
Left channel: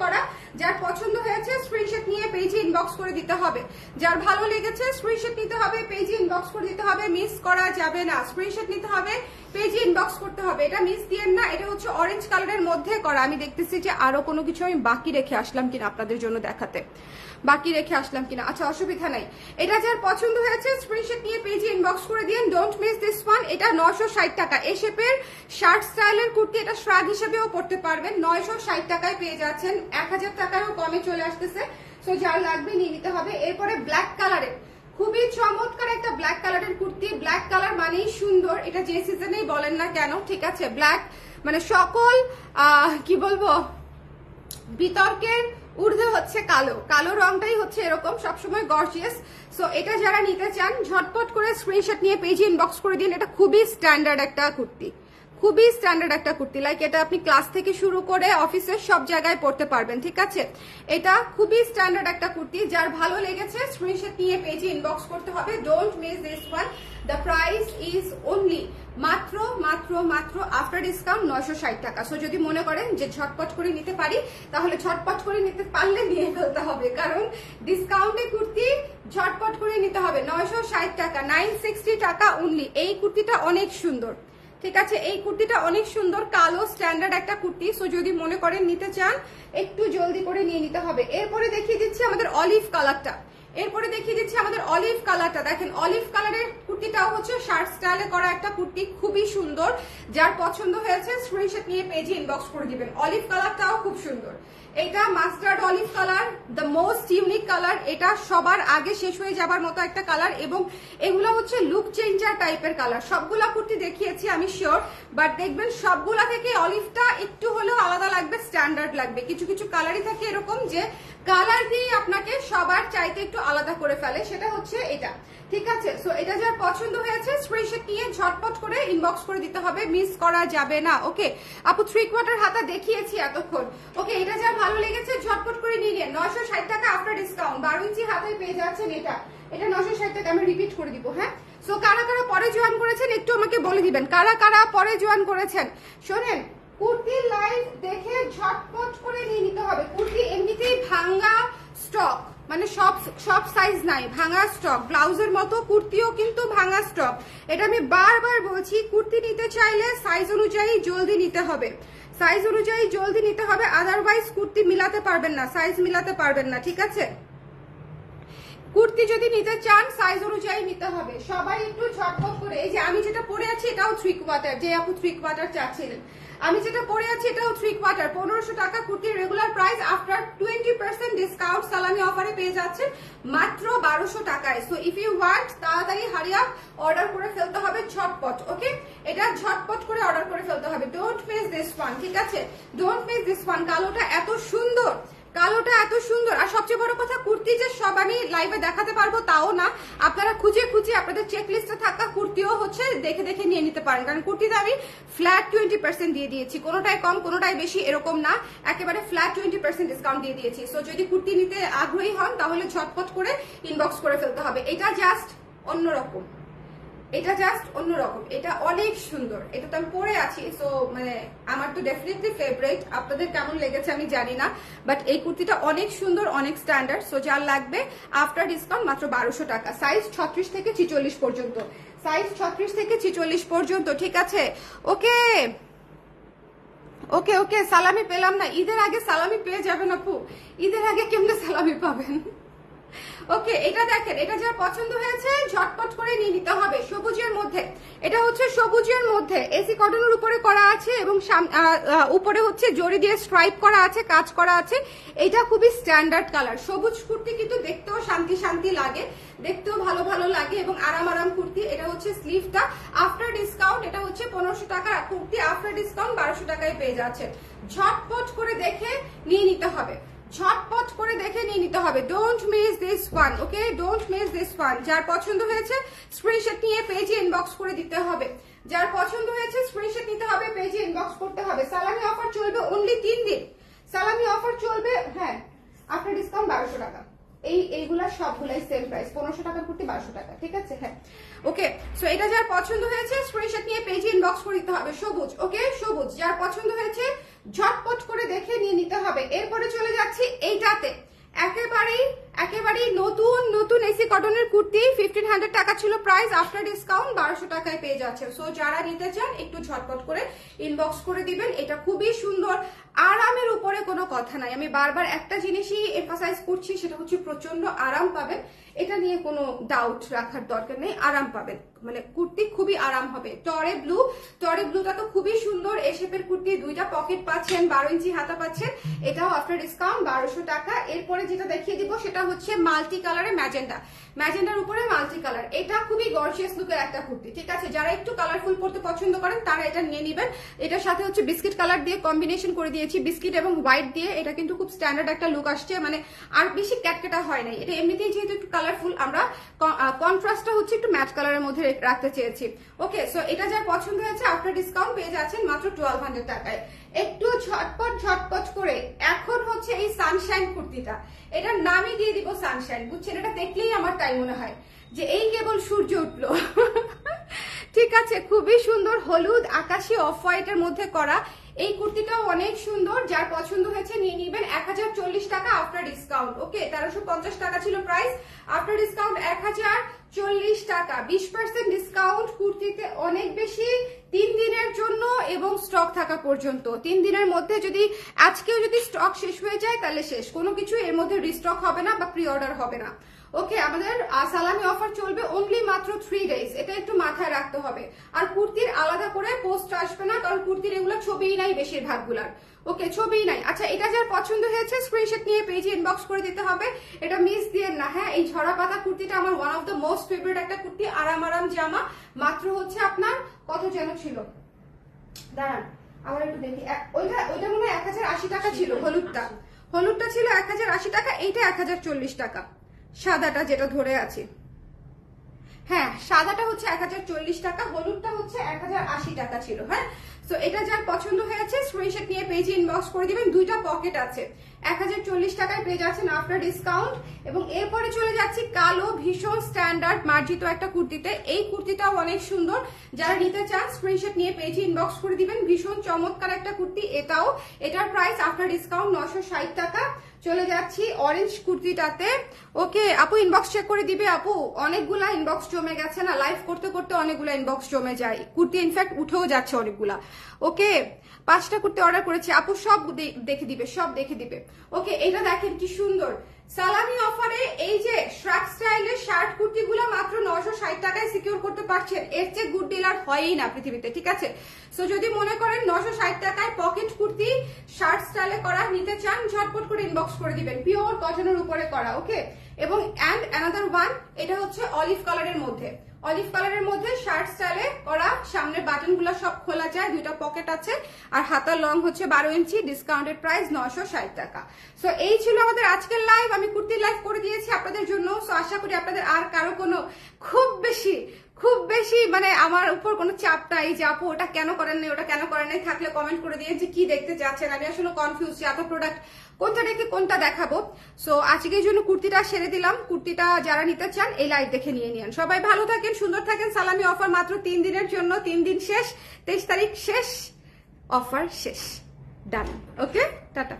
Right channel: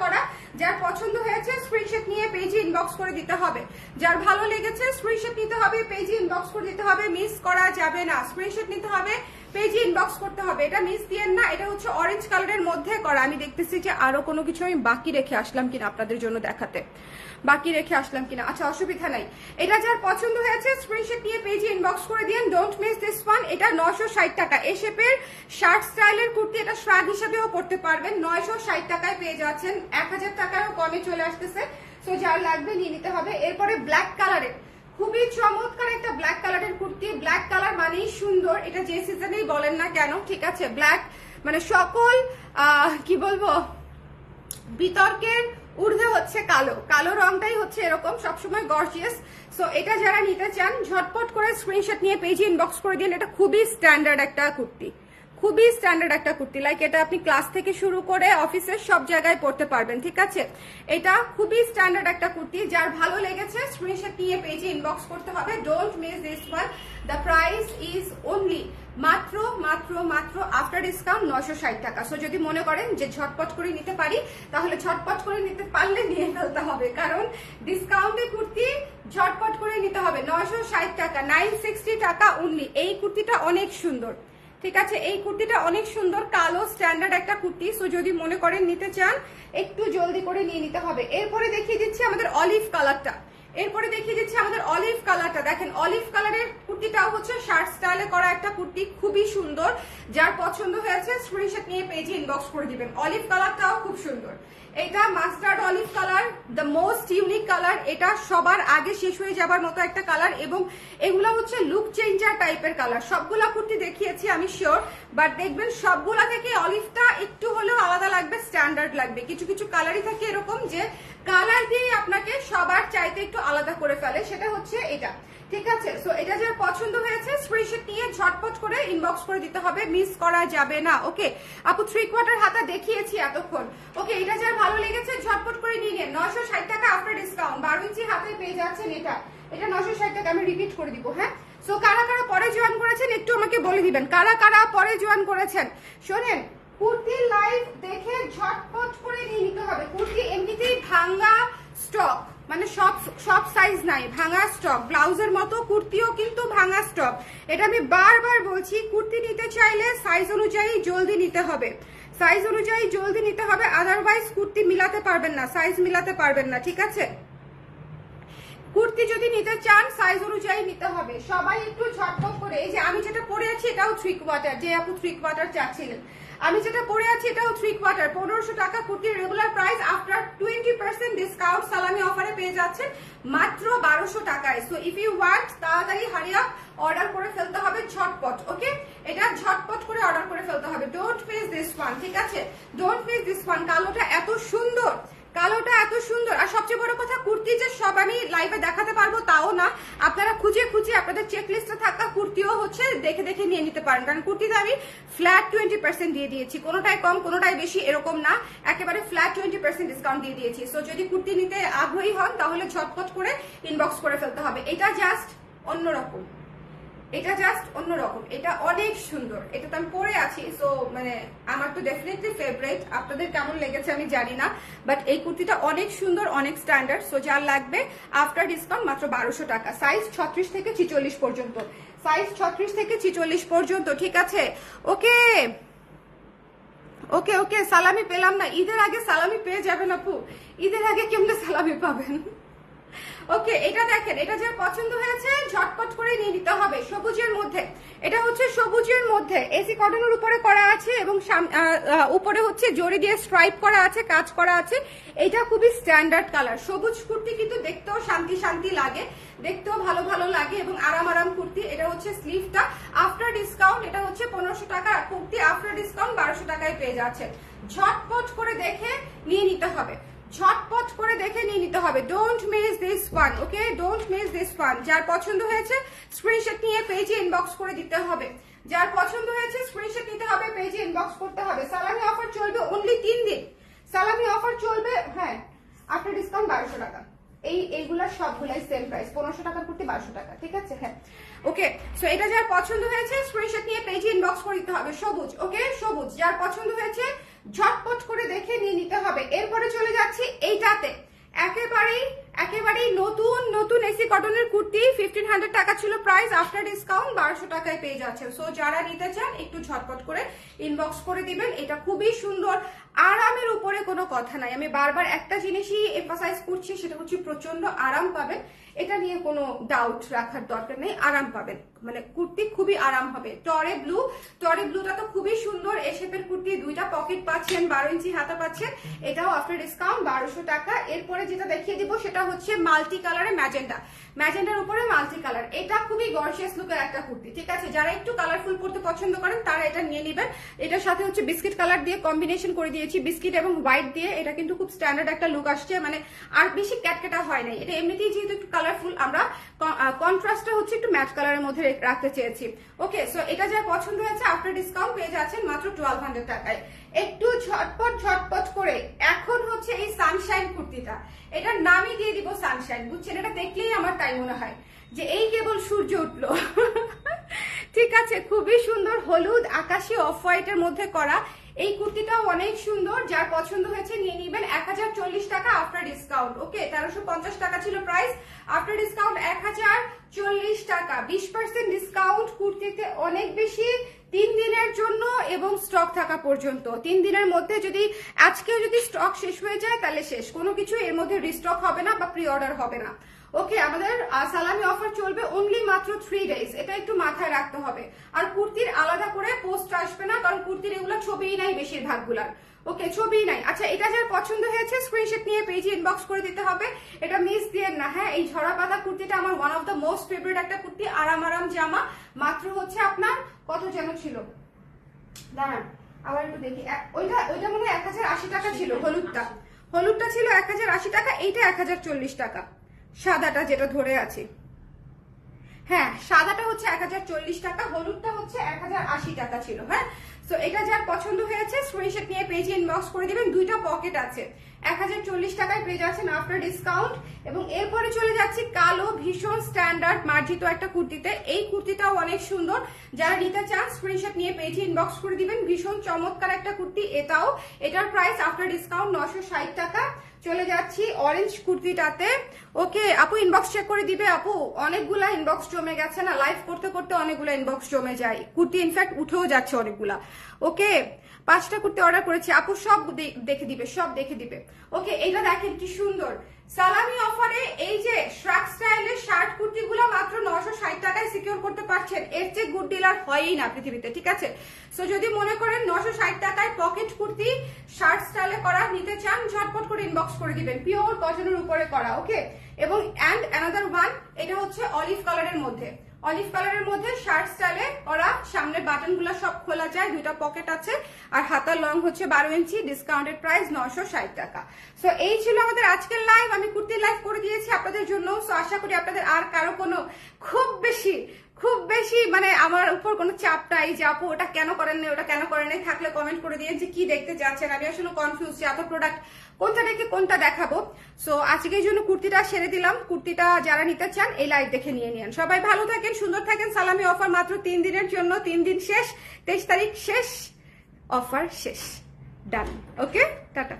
করা, যার পছন্দ হয়েছে স্ক্রিনশট নিয়ে পেজে ইনবক্স করে দিতে হবে। যার ভালো লেগেছে স্ক্রিনশট নিতে হবে, পেজে ইনবক্স করে দিতে হবে, মিস করা যাবে না। স্ক্রিনশট নিতে হবে, পেজে ইনবক্স করতে হবে, এটা মিস দিয়েন না। এটা হচ্ছে অরেঞ্জ কালারের মধ্যে করা। আমি দেখতেছি যে আরো কোনো কিছু আমি বাকি রেখে আসলাম কিনা আপনাদের জন্য দেখাতে, আচ্ছা অসুবিধা নাই। এটা যার পছন্দ হয়েছে স্ক্রিনশট নিয়ে পেজে ইনবক্স করে দিন। Don't miss this one. এটা 960 টাকা, এই শেপের শার্ট স্টাইলের কুর্তি, এটা শ্রাগ হিসেবেও পড়তে পারবেন। 960 টাকায় পেয়ে যাচ্ছেন, 1000 টাকারও কমে চলে আসতেছে, সো যার লাগবে নিয়ে নিতে হবে। এরপরে ব্ল্যাক কালারের খুবই চমৎকার একটা ব্ল্যাক কালারের কুর্তি। ব্ল্যাক কালার মানেই সুন্দর, এটা যে সিজনেই বলেন না কেন, ঠিক আছে। ব্ল্যাক মানে সকল কি বলবো বিতর্কের ঊর্ধ্বে হচ্ছে কালো রংটাই হচ্ছে এরকম সবসময় গর্জিয়াস। সো এটা যারা নিতে চান ঝটপট করে স্ক্রিনশট নিয়ে পেজে ইনবক্স করে দিন। এটা খুবই স্ট্যান্ডার্ড একটা কুর্তি, লাইক এটা আপনি ক্লাস থেকে শুরু করে অফিসের সব জায়গায় পড়তে পারবেন, ঠিক আছে। এটা খুবই স্ট্যান্ডার্ড একটা কুর্তি, যার ভালো লেগেছে স্ক্রিনশট নিয়ে পেজে ইনবক্স করতে হবে। Don't miss this one. The price is only মাত্র আফটার ডিসকাউন্ট 960 টাকা। সো যদি মনে করেন যে ঝটপট করে নিতে পারি, তাহলে ঝটপট করে নিতে পারলে নিয়ে ফেলতে হবে, কারণ ডিসকাউন্টে কুর্তি ঝটপট করে নিতে হবে। 960 টাকা, 960 টাকা অনলি। এই কুর্তিটা অনেক সুন্দর, ঠিক আছে, এই কুর্তিটা অনেক সুন্দর, কালো স্ট্যান্ডার্ড একটা কুর্তি। সো যদি মনে করেন নিতে চান একটু জলদি করে নিয়ে নিতে হবে। এরপরে দেখিয়ে দিচ্ছি আমাদের অলিভ কালারটা, দেখেন অলিভ কালারের কুর্তিটাও হচ্ছে শার্ট স্টাইলে করা একটা কুর্তি, খুবই সুন্দর। যার পছন্দ হয়েছে স্ক্রিনশট নিয়ে পেজে ইনবক্স করে দিবেন। অলিভ কালারটাও খুব সুন্দর, এটা mustard olive colour, the most unique colour. এটা সবার আগে শেষ হয়ে যাবার মতো একটা কালার, এবং এগুলো হচ্ছে লুক চেঞ্জার টাইপের কালার। সবগুলা কুর্তি দেখিয়েছি আমি শিওর, বাট দেখবেন সবগুলা থেকে অলিভটা একটু হলেও আলাদা লাগবে, স্ট্যান্ডার্ড লাগবে। কিছু কিছু কালারই থাকে এরকম যে কালার দিয়ে আপনাকে সবার চাইতে একটু আলাদা করে ফেলে, সেটা হচ্ছে এটা, ঠিক আছে। সো এটা যার পছন্দ হয়েছে স্ক্রিনশট নিয়ে ঝটপট করে ইনবক্স করে দিতে হবে, মিস করা যাবে না। ওকে আপু 3/4 হাতা দেখিয়েছি এতক্ষণ। ওকে, এটা যার ভালো লেগেছে ঝটপট করে নিয়ে নিন। 960 টাকা আফটার ডিসকাউন্ট, 12 ইঞ্চি হাতে পেয়ে যাচ্ছেন। এটা 960 টাকা, আমি রিপিট করে দিব। হ্যাঁ, সো কারা কারা পরে জয়েন করেছেন একটু আমাকে বলে দিবেন, কারা কারা পরে জয়েন করেছেন। শোনেন, কুর্তির লাইভ দেখে ঝটপট করে নিয়ে নিতে হবে। কুর্তি এমনিতেই ভাঙ্গা স্টক, মানে সব সাইজ নাই, ভাঙা স্টক। ব্লাউজের মতো কুর্তিও কিন্তু ভাঙা স্টক, এটা আমি বারবার বলছি। কুর্তি নিতে চাইলে সাইজ অনুযায়ী জলদি নিতে হবে, আদারওয়াইজ কুর্তি মিলাতে পারবেন না, সাইজ মিলাতে পারবেন না, ঠিক আছে। কুর্তি যদি নিতে চান সাইজ অনুযায়ী নিতে হবে। সবাই একটু ঝটপট করে, এই যে আমি যেটা পরে আছি এটাও 3/4, যে আপু 3/4 চাচ্ছিলেন, আমি যেটা পরে আছি এটাও 3/4 1500 টাকা কুর্তির রেগুলার প্রাইস আফটার 20% ডিসকাউন্ট সালামি অফারে পেয়ে যাচ্ছেন মাত্র 1200 টাকায়। সো ইফ ইউ ওয়ান্ট তাড়াতাড়ি হারিয়া অর্ডার করে ফেলতে হবে ঝটপট। ওকে, এটা ঝটপট করে অর্ডার করে ফেলতে হবে। ডোন্ট মিস দিস ওয়ান, ঠিক আছে? Don't miss this one. কালোটা এত সুন্দর, কালোটা এত সুন্দর। আর সবচেয়ে বড় কথা, কুর্তি যে সব আমি লাইভে দেখাতে পারবো তাও না, আপনারা খুঁজে খুঁজে আপনাদের চেক লিস্টে থাকা কুর্তিও হচ্ছে দেখে দেখে নিয়ে নিতে পারেন। কারণ কুর্তিতে আমি ফ্ল্যাট 20% দিয়ে দিয়েছি, কোনোটাই কম কোনোটাই বেশি এরকম না, একেবারে ফ্ল্যাট 20% ডিসকাউন্ট দিয়ে দিয়েছি। সো যদি কুর্তি নিতে আগ্রহী হন তাহলে ঝটপট করে ইনবক্স করে ফেলতে হবে। এটা জাস্ট অন্যরকম, এটা জাস্ট অন্যরকম, এটা অনেক সুন্দর। এটা তো আমি পরে আছি, সো মানে আমার তো ডেফিনেটলি ফেভারিট। আপনাদের কেমন লেগেছে আমি জানি না, বাট এই কুর্তিটা অনেক সুন্দর, অনেক স্ট্যান্ডার্ড। সো যার লাগবে আফটার ডিসকাউন্ট মাত্র 1200 টাকা। সাইজ 36 থেকে 46 পর্যন্ত, সাইজ 36 থেকে 46 পর্যন্ত, ঠিক আছে? ওকে ওকে ওকে, সালামি পেলাম না। ঈদের আগে সালামি পেয়ে যাবেন আপু, ঈদের আগে কেমনে সালামি পাবেন? ওকে, এটা দেখেন, এটা যা পছন্দ হয়েছে ঝটপট করে নিয়ে নিতে হবে। সবুজের মধ্যে, এটা হচ্ছে সবুজের মধ্যে এসি কটনের উপরে করা আছে এবং উপরে হচ্ছে জরি দিয়ে স্ট্রাইপ করা আছে, কাজ করা আছে। এটা খুবই স্ট্যান্ডার্ড কালার। সবুজ কুর্তি কিন্তু দেখতেও শান্তি শান্তি লাগে, দেখতেও ভালো ভালো লাগে এবং আরাম আরাম কুর্তি। এটা হচ্ছে স্লিভটা আফটার ডিসকাউন্ট, এটা হচ্ছে 1500 টাকা কুর্তি আফটার ডিসকাউন্ট 1200 টাকায় পেয়ে যাচ্ছে। ঝটপট করে দেখে নিয়ে নিতে হবে, ঝটপট করে দেখে নিয়ে নিতে হবে। Don't miss this one, okay? Don't miss this one. যার পছন্দ হয়েছে স্ক্রিনশট নিয়ে পেজে ইনবক্স করে দিতে হবে। যার পছন্দ হয়েছে স্ক্রিনশট নিতে হবে, পেজে ইনবক্স করতে হবে। সালামি অফার চলবে অনলি 3 দিন, সালামি অফার চলবে, হ্যাঁ, আফটার ডিসকাউন্ট 1200 টাকা। এইগুলা সবগুলাই সেম প্রাইস, 1500 টাকা করতে 1200 টাকা, ঠিক আছে? হ্যাঁ, ওকে। সো এটা যার পছন্দ হয়েছে স্ক্রিনশট নিয়ে পেজে ইনবক্স করে দিতে হবে। সবুজ, ওকে, সবুজ। যার পছন্দ হয়েছে ঝটপট করে দেখে নিয়ে নিতে হবে। এরপরে চলে যাচ্ছি এইটাতে, একেবারেই নতুন নতুন এসি কটনের কুর্তি। 1500 টাকা ছিল প্রাইস, আফটার ডিসকাউন্ট 1200 টাকায় পেয়ে যাচ্ছে। সো যারা নিতে চান একটু ঝটপট করে ইনবক্স করে দিবেন। এটা খুবই সুন্দর, আরামের উপরে কোনো কথা নাই। আমি বারবার একটা জিনিসই এমফাসাইজ করছি, সেটা হচ্ছে প্রচন্ড আরাম পাবেন। এটা নিয়ে কোনো ডাউট রাখার দরকার নেই, আরাম পাবেন, মানে কুর্তি খুবই আরাম হবে। টরে ব্লুটা তো খুবই সুন্দর, এ শেপের কুর্তি, 2টা পকেট পাচ্ছেন, 12 ইঞ্চি হাতা পাচ্ছেন। এটাও আফটার ডিসকাউন্ট 1200 টাকা। এরপরে যেটা দেখিয়ে দিব সেটা হচ্ছে মাল্টি কালারে ম্যাজেন্ডার উপরে মাল্টি কালার। এটা খুবই গর্জিয়াস লুকের একটা কুর্তি, ঠিক আছে? যারা একটু কালারফুল পড়তে পছন্দ করেন তারা এটা নিয়ে নেবেন। এটার সাথে হচ্ছে বিস্কিট কালার দিয়ে কম্বিনেশন করে দিয়েছি, বিস্কিট এবং হোয়াইট দিয়ে। এটা কিন্তু খুব স্ট্যান্ডার্ড একটা লুক আসছে, মানে আর বেশি ক্যাটকেটা হয় নাই। এটা এমনিতেই যেহেতু একটু কালারফুল, আমরা কন্ট্রাস্টটা হচ্ছে একটু ম্যাট কালারের মধ্যে রাখতে চেয়েছি। ওকে, সো এটা যার পছন্দ হয়েছে আফটার ডিসকাউন্ট পেয়ে যাচ্ছেন মাত্র 1200 টাকায়। একটু ঝটপট করে এখন হচ্ছে এই সানশাইন কুর্তিটা, এটার নামই দিয়ে দিব সানশাইন, বুঝছেন? এটা দেখলেই আমার তাই মনে হয় যে এই কেবল সূর্য উঠলো। ঠিক আছে, খুবই সুন্দর, হলুদ আকাশি অফ হোয়াইটের মধ্যে করা। এই কুর্তিটাও অনেক সুন্দর। যার পছন্দ হয়েছে নিয়ে নিবেন। 1040 টাকা আফটার ডিসকাউন্ট। ওকে, 1350 টাকা ছিল প্রাইস, আফটার ডিসকাউন্ট 1040 টাকা। 20% ডিসকাউন্ট কুর্তিতে অনেক বেশি, 3 দিনের জন্য এবং স্টক থাকা পর্যন্ত। 3 দিনের মধ্যে যদি আজকেও যদি স্টক শেষ হয়ে যায় তাহলে শেষ, কোনো কিছু এর মধ্যে রিস্টক হবে না বা প্রি অর্ডার হবে না। ওকে, আমাদের সালামি অফার চলবে অনলি মাত্র 3 ডেজ, এটা একটু মাথায় রাখতে হবে। আর কুর্তির আলাদা করে পোস্ট আসবে না, কারণ কুর্তির এগুলো ছবিই নাই বেশিরভাগগুলার। ওকে, ছবিই নাই। আচ্ছা, এটা যার পছন্দ হয়েছে স্ক্রিনশট নিয়ে পেজে ইনবক্স করে দিতে হবে। এটা মিস দিয়েন না। হ্যাঁ, এই ঝরা পাতা কুর্তিটা আমার one of the most favourite একটা কুর্তি, আরাম জামা। মাত্র হচ্ছে আপনার কত যেন ছিল, দাঁড়ান আবার একটু দেখি। ওইটা মনে হয় 1080 টাকা ছিল। হলুদটা ছিল 1080 টাকা, এইটা 1040 টাকা। সাদাটা যেটা ধরে আছে, হ্যাঁ, সাদাটা হচ্ছে 1040 টাকা, হলুদটা হচ্ছে 1080 টাকা ছিল। হ্যাঁ, সো এটা যার পছন্দ হয়েছে স্ক্রিনশট নিয়ে পেজে ইনবক্স করে দিবেন। 2টা পকেট আছে, 1040 টাকায় পেয়ে যাচ্ছেন আফটার ডিসকাউন্ট। এবং এরপরে চলে যাচ্ছি কালো ভীষণ স্ট্যান্ডার্ড মার্জিত একটা কুর্তিতে। এই কুর্তিটাও অনেক সুন্দর, যারা নিতে চান স্ক্রিনশট নিয়ে পেজে ইনবক্স করে দিবেন। ভীষণ চমৎকার একটা কুর্তি এটাও। এটার প্রাইস আফটার ডিসকাউন্ট 960 টাকা। চলে যাচ্ছি অরেঞ্জ কুর্তিটাতে। ওকে আপু, ইনবক্স চেক করে দিবে আপু। অনেকগুলা ইনবক্স জমে গেছে না, লাইভ করতে করতে অনেকগুলা ইনবক্স জমে যায়, কুর্তি ইনফ্যাক্ট উঠেও যাচ্ছে অনেকগুলা। ওকে, 5টা কুর্তি অর্ডার করেছি আপু, সব দেখে দিবে। ওকে, এটা দেখেন কি সুন্দর সালামি অফারে এই যে শ্রাক স্টাইলের শার্ট কুর্তিগুলো মাত্র 960 টাকায় সিকিউর করতে পারবেন। পারছেন, এর চেয়ে গুড ডিল আর হয়ই না পৃথিবীতে, ঠিক আছে? সো যদি মনে করেন 960 টাকায় পকেট কুর্তি শার্ট স্টাইলে করা নিতে চান, ঝটপট করে ইনবক্স করে দিবেন, পিওর কটনের উপরে করা, ওকে? এবং অ্যান্ড অ্যানাদার ওয়ান, এটা হচ্ছে অলিভ কালারের মধ্যে, অলিভ কালারের মধ্যে শার্ট স্টাইলে করা, সামনের বাটন গুলো সব খোলা যায়, 2টা পকেট আছে, আর হাতার লং হচ্ছে 12 ইঞ্চি, ডিসকাউন্টেড প্রাইস 960 টাকা। সো এই ছিল আমাদের আজকের লাইভ। আমি কুর্তি লাইভ করে দিয়েছি আপনাদের জন্য। সো আশা করি আপনাদের আর কারো কোনো খুব বেশি মানে আমার উপর কোনো চাপ নাই যে আপু ওটা কেন করেন নাই, ওটা কেন করেন নাই, থাকলে কমেন্ট করে দিয়ে যে কি দেখতে চাচ্ছেন। আমি আসলে কনফিউজ যে এত প্রোডাক্ট কোনটা দেখে কোনটা দেখাবো। সো আজকের জন্য কুর্তিটা সেরে দিলাম। কুর্তিটা যারা নিতে চান এই লাইভ দেখে নিয়ে নিন। সবাই ভালো থাকেন, সুন্দর থাকেন। সালামি অফার মাত্র 3 দিনের জন্য, 3 দিন শেষ, 23 তারিখ শেষ, অফার শেষ, ডান, ওকে, টাটা।